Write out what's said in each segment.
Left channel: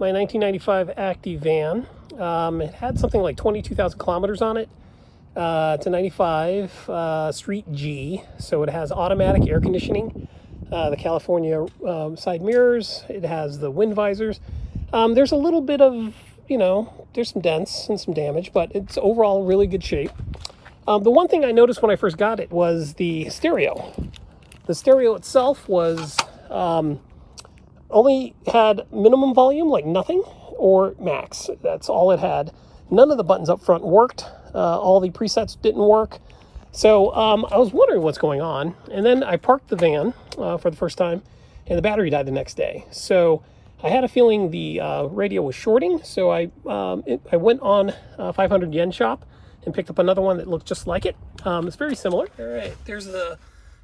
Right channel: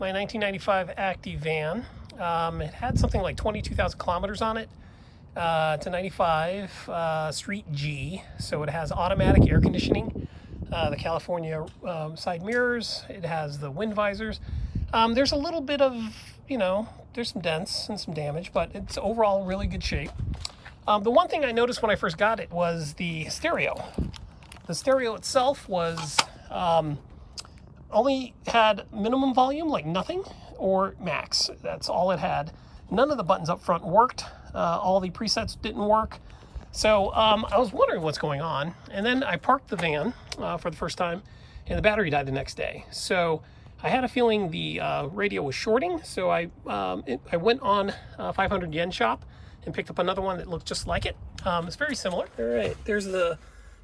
my 1995 Acty van. It had something like 22,000 kilometers on it. It's a 95 Street G, so it has automatic air conditioning, the California side mirrors, it has the wind visors. There's a little bit of, there's some dents and some damage, but it's overall really good shape. The one thing I noticed when I first got it was the stereo. The stereo itself was only had minimum volume, like nothing, or max. That's all it had. None of the buttons up front worked. All the presets didn't work. So I was wondering what's going on. And then I parked the van for the first time, and the battery died the next day. So I had a feeling the radio was shorting. So I went on 500 Yen Shop and picked up another one that looked just like it. It's very similar. All right, there's the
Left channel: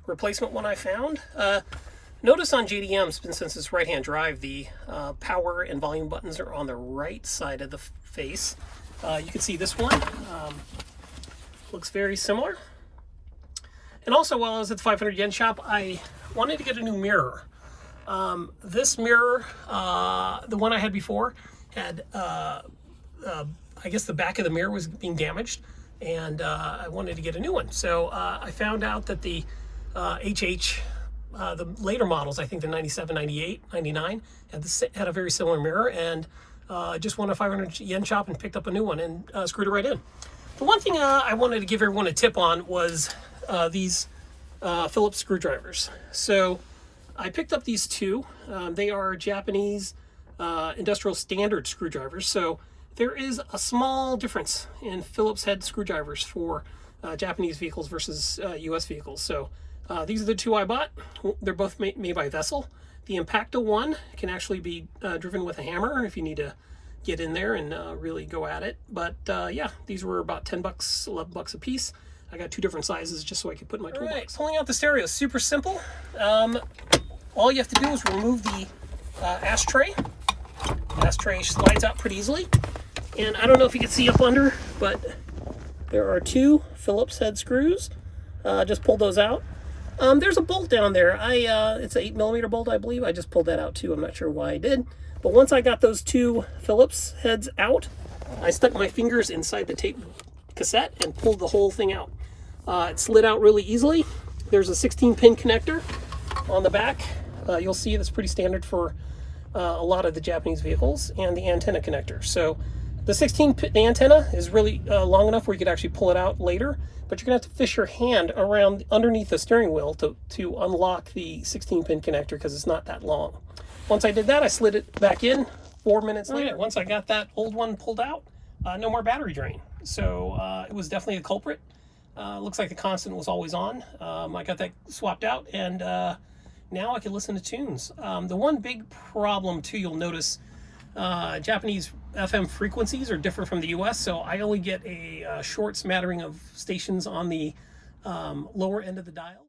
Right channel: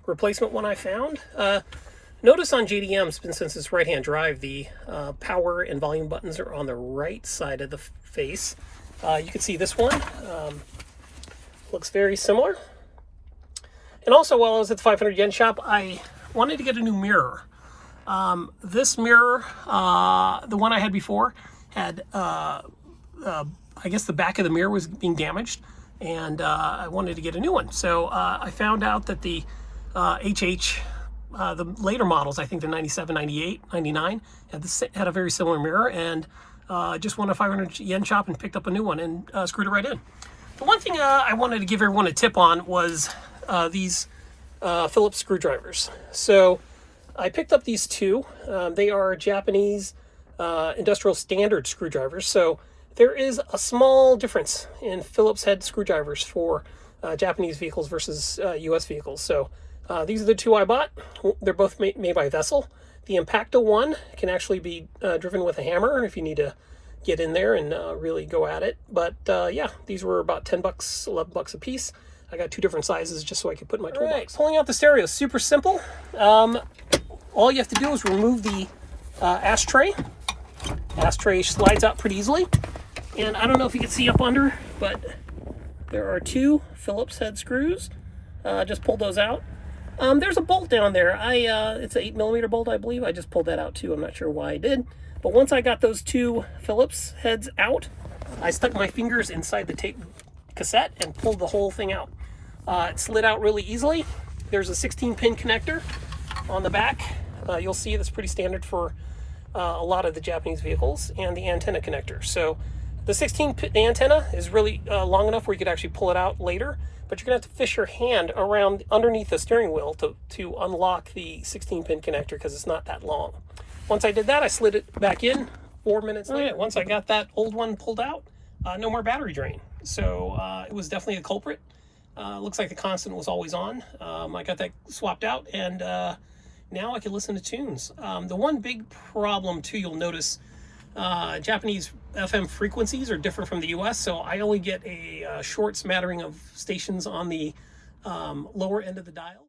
replacement one I found. Notice on JDM, since it's right-hand drive, the power and volume buttons are on the right side of the face. You can see this one looks very similar. And also, while I was at the 500 Yen Shop, I wanted to get a new mirror. This mirror, the one I had before, had I guess the back of the mirror was being damaged, and I wanted to get a new one. So I found out that the the later models, I think the 97, 98, 99, had a very similar mirror, and just went to 500 Yen Shop and picked up a new one and screwed it right in. The one thing I wanted to give everyone a tip on was these Philips screwdrivers. So I picked up these two. They are Japanese industrial standard screwdrivers. So there is a small difference in Phillips head screwdrivers for Japanese vehicles versus US vehicles. So these are the two I bought. They're both made by Vessel. The Impacto one can actually be driven with a hammer if you need to get in there and really go at it. But yeah, these were about 10 bucks, 11 bucks a piece. I got two different sizes just so I could put in my toolbox. Right, pulling out the stereo is super simple. All you have to do is remove the ashtray. Ashtray slides out pretty easily. And I don't know if you can see up under, but there are two Phillips head screws. Just pulled those out. There's a bolt down there. It's an 8mm bolt, I believe. I just pulled that out too. I'm not sure why I did. But once I got those two Phillips heads out, I stuck my fingers inside the tape cassette and pulled the whole thing out. It slid out really easily. There's a 16-pin connector on the back. You'll see that's pretty standard for a lot of the Japanese vehicles, and the antenna connector. So the antenna is really long enough where you could actually pull it out later, but you're gonna have to fish your hand around underneath the steering wheel to unlock the 16-pin connector because it's not that long. Once I did that, I slid it back in 4 minutes later. Right, once I got that old one pulled out, no more battery drain. So it was definitely a culprit. Looks like the constant was always on. I got that swapped out, and now I can listen to tunes. The one big problem too, you'll notice, Japanese FM frequencies are different from the US, so I only get a short smattering of stations on the lower end of the dial.